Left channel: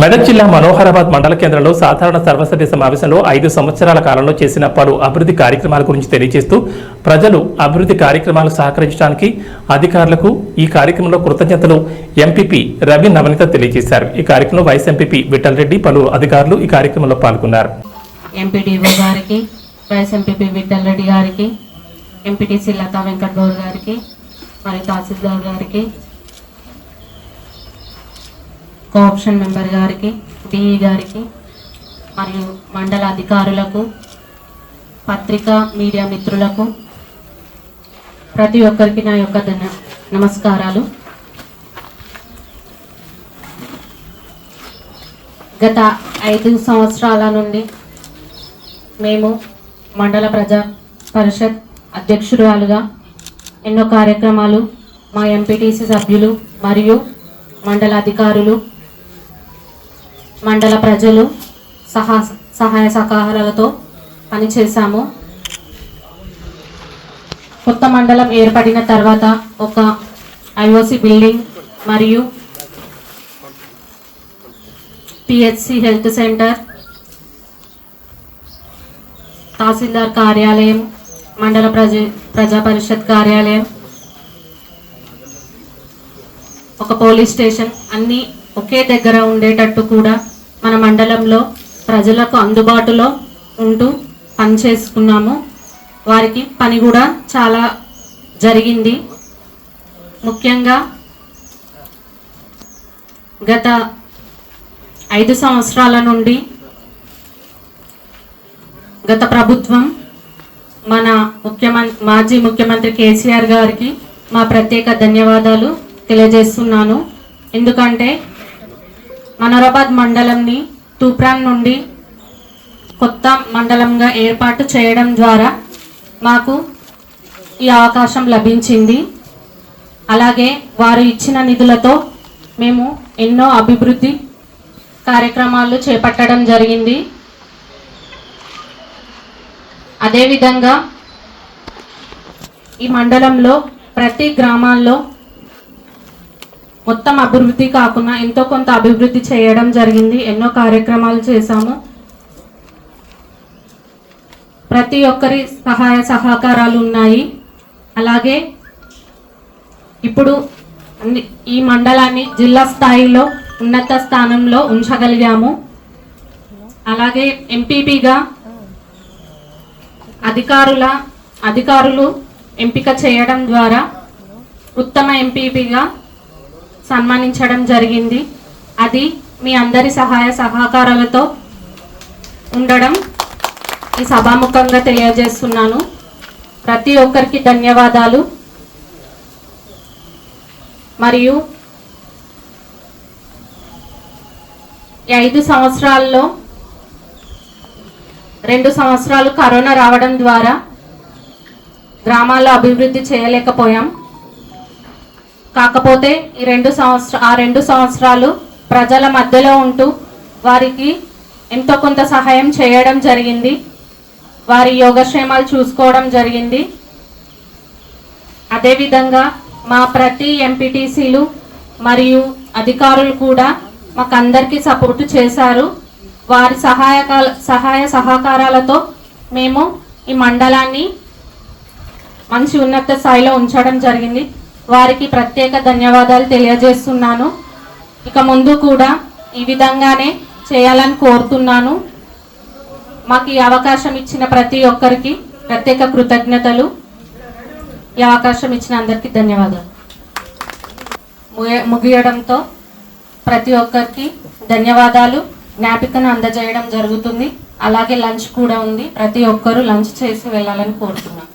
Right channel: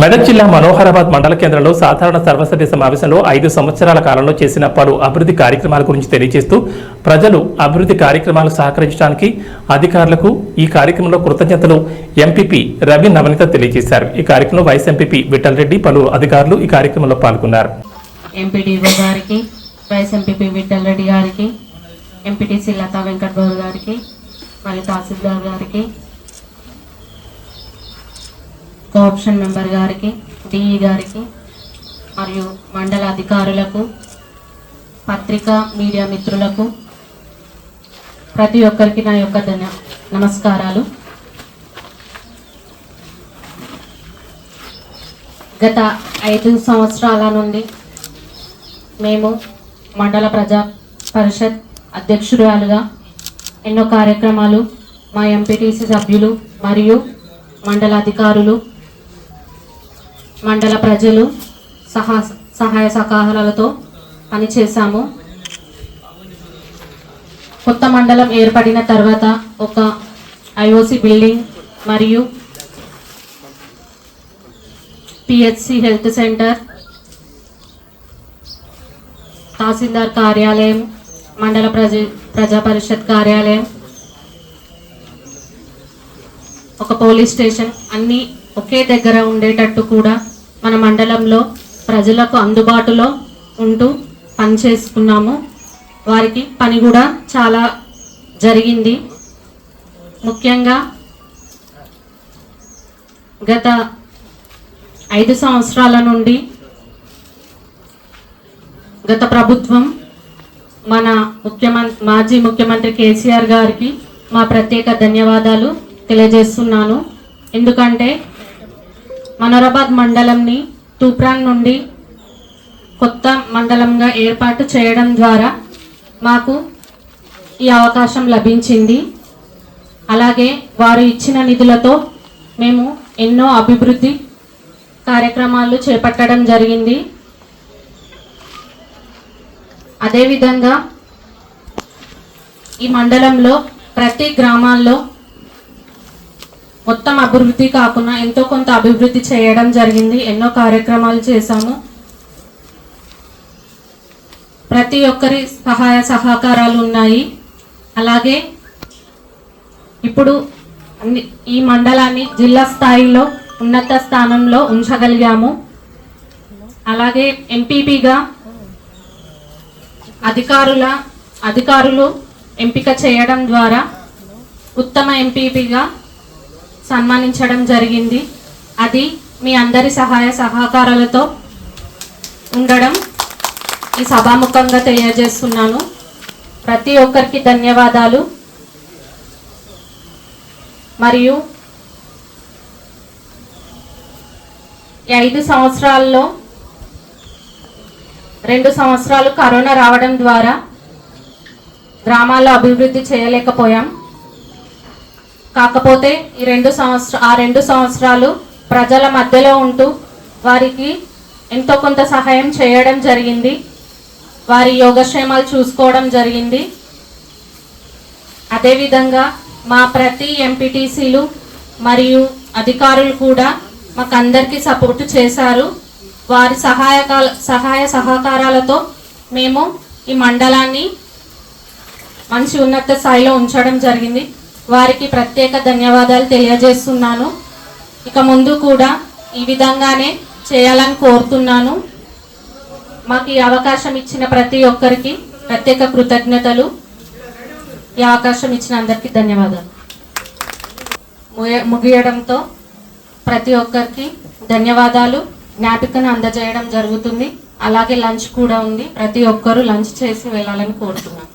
మెదక్ జిల్లా మనోహరాబాద్ మండల కేంద్రంలో సాధారణ సర్వసభ్య సమావేశంలో 5 సంవత్సరాల కాలంలో చేసిన పలు అభివృద్ధి కార్యక్రమాల గురించి తెలియజేస్తూ ప్రజలు అభివృద్ధి కార్యక్రమాలు సహకరించడానికి అధికారులకు ఈ కార్యక్రమంలో కృతజ్ఞతలు ఎంపీపీ రవి నవనీత తెలియజేశారు. ఈ కార్యక్రమంలో వైస్ ఎంపీపీ విఠల్ రెడ్డి, పలువురు అధికారులు ఈ కార్యక్రమంలో పాల్గొన్నారు. ఎంపీడీఓ గారికి, వైస్ ఎంపీపీ విఠల్ రెడ్డి గారికి, ఎంపీటీసీ లతా వెంకట్ గౌడ్ గారికి, మరియు తహసీల్దార్ గారికి, కోఆప్షన్ మెంబర్ గారికి, డిఈ గారికి, మరియు మండల అధికారులకు, పత్రికా మీడియా మిత్రులకు ప్రతి ఒక్కరికి నా యొక్క నమస్కారాలు. గత 5 సంవత్సరాల నుండి మేము మండల ప్రజా పరిషత్ అధ్యక్షురాలుగా ఎన్నో కార్యక్రమాలు మా ఎంపీటీసీ సభ్యులు మరియు మండల అధికారులు, మండల ప్రజలు సహాయ సహకారాలతో పనిచేశాము. కొత్త మండలం ఏర్పడిన తర్వాత ఒక ఐఓసి బిల్డింగ్ మరియు పిహెచ్సి హెల్త్ సెంటర్, తహసీల్దార్ కార్యాలయం, మండల ప్రజా పరిషత్ కార్యాలయం, ఒక పోలీస్ స్టేషన్ అన్నీ ఒకే దగ్గర ఉండేటట్టు కూడా మన మండలంలో ప్రజలకు అందుబాటులో ఉంటూ పనిచేసుకున్నాము. వారికి పని కూడా చాలా జరిగింది. ముఖ్యంగా గత 5 సంవత్సరాల నుండి గత ప్రభుత్వం మన మాజీ ముఖ్యమంత్రి కేసీఆర్ గారికి మా ప్రత్యేక ధన్యవాదాలు తెలియజేస్తున్నాను. ఎందుకంటే మనోహరాబాద్ మండలంని తూప్రాన్ నుండి కొత్త మండలంగా ఏర్పాటు చేయడం ద్వారా మాకు ఈ అవకాశం లభించింది. అలాగే వారు ఇచ్చిన నిధులతో మేము ఎన్నో అభివృద్ధి కార్యక్రమాలు చేపట్టడం జరిగింది. అదేవిధంగా ఈ మండలంలో ప్రతి గ్రామాల్లో మొత్తం అభివృద్ధి కాకుండా ఎంతో కొంత అభివృద్ధి చేయడం జరిగింది. ఎన్నో కార్యక్రమాలు చేశాము. ప్రతి ఒక్కరి సహాయ సహకారాలు ఉన్నాయి. అలాగే ఇప్పుడు ఈ మండలాన్ని జిల్లా స్థాయిలో ఉన్నత స్థానంలో ఉంచగలిగాము. అలాగే ఎంపీపీగా అధికారులు ఎంపిక చేయడం ద్వారా ఉత్తమ ఎంపీపీగా సన్మానించడం జరిగింది. అది మీ అందరి సహాయ సహకారాలతో ఉండడం ఈ సభాముఖంగా తెలియజేస్తున్నాను. ప్రతి ఒక్కరికి ధన్యవాదాలు. మరియు ఈ 5 సంవత్సరాల్లో 2 సంవత్సరాలు కరోనా రావడం ద్వారా గ్రామాల్లో అభివృద్ధి చేయలేకపోయాం. కాకపోతే ఈ 2 సంవత్సరాలు ప్రజల మధ్యలో ఉంటూ వారికి ఎంతో కొంత సహాయం చేయడం జరిగింది. వారి యోగక్షేమాలు చూసుకోవడం జరిగింది. అదేవిధంగా మా ప్రతి ఎంపీటీసీలు మరియు అధికారులు కూడా మాకందరికీ సపోర్టు చేశారు. వారి సహాయ సహకారాలతో మేము ఈ మండలాన్ని మంచి ఉన్నత స్థాయిలో ఉంచడం జరిగింది. వారికి ప్రత్యేక ధన్యవాదాలు తెలియజేస్తున్నాను. ఇక ముందు కూడా ఈ విధంగానే చేయాలని కోరుతున్నాను. మాకు ఈ అవకాశం ఇచ్చిన ప్రతి ఒక్కరికి ప్రత్యేక కృతజ్ఞతలు. ఈ అవకాశం ఇచ్చిన అందరికీ ధన్యవాదాలు. ముగియడంతో ప్రతి ఒక్కరికి ధన్యవాదాలు. జ్ఞాపికను అందజేయడం జరుగుతుంది. అలాగే లంచ్ కూడా ఉంది. ప్రతి ఒక్కరూ లంచ్ చేసి వెళ్ళాలని కోరుతున్నాను.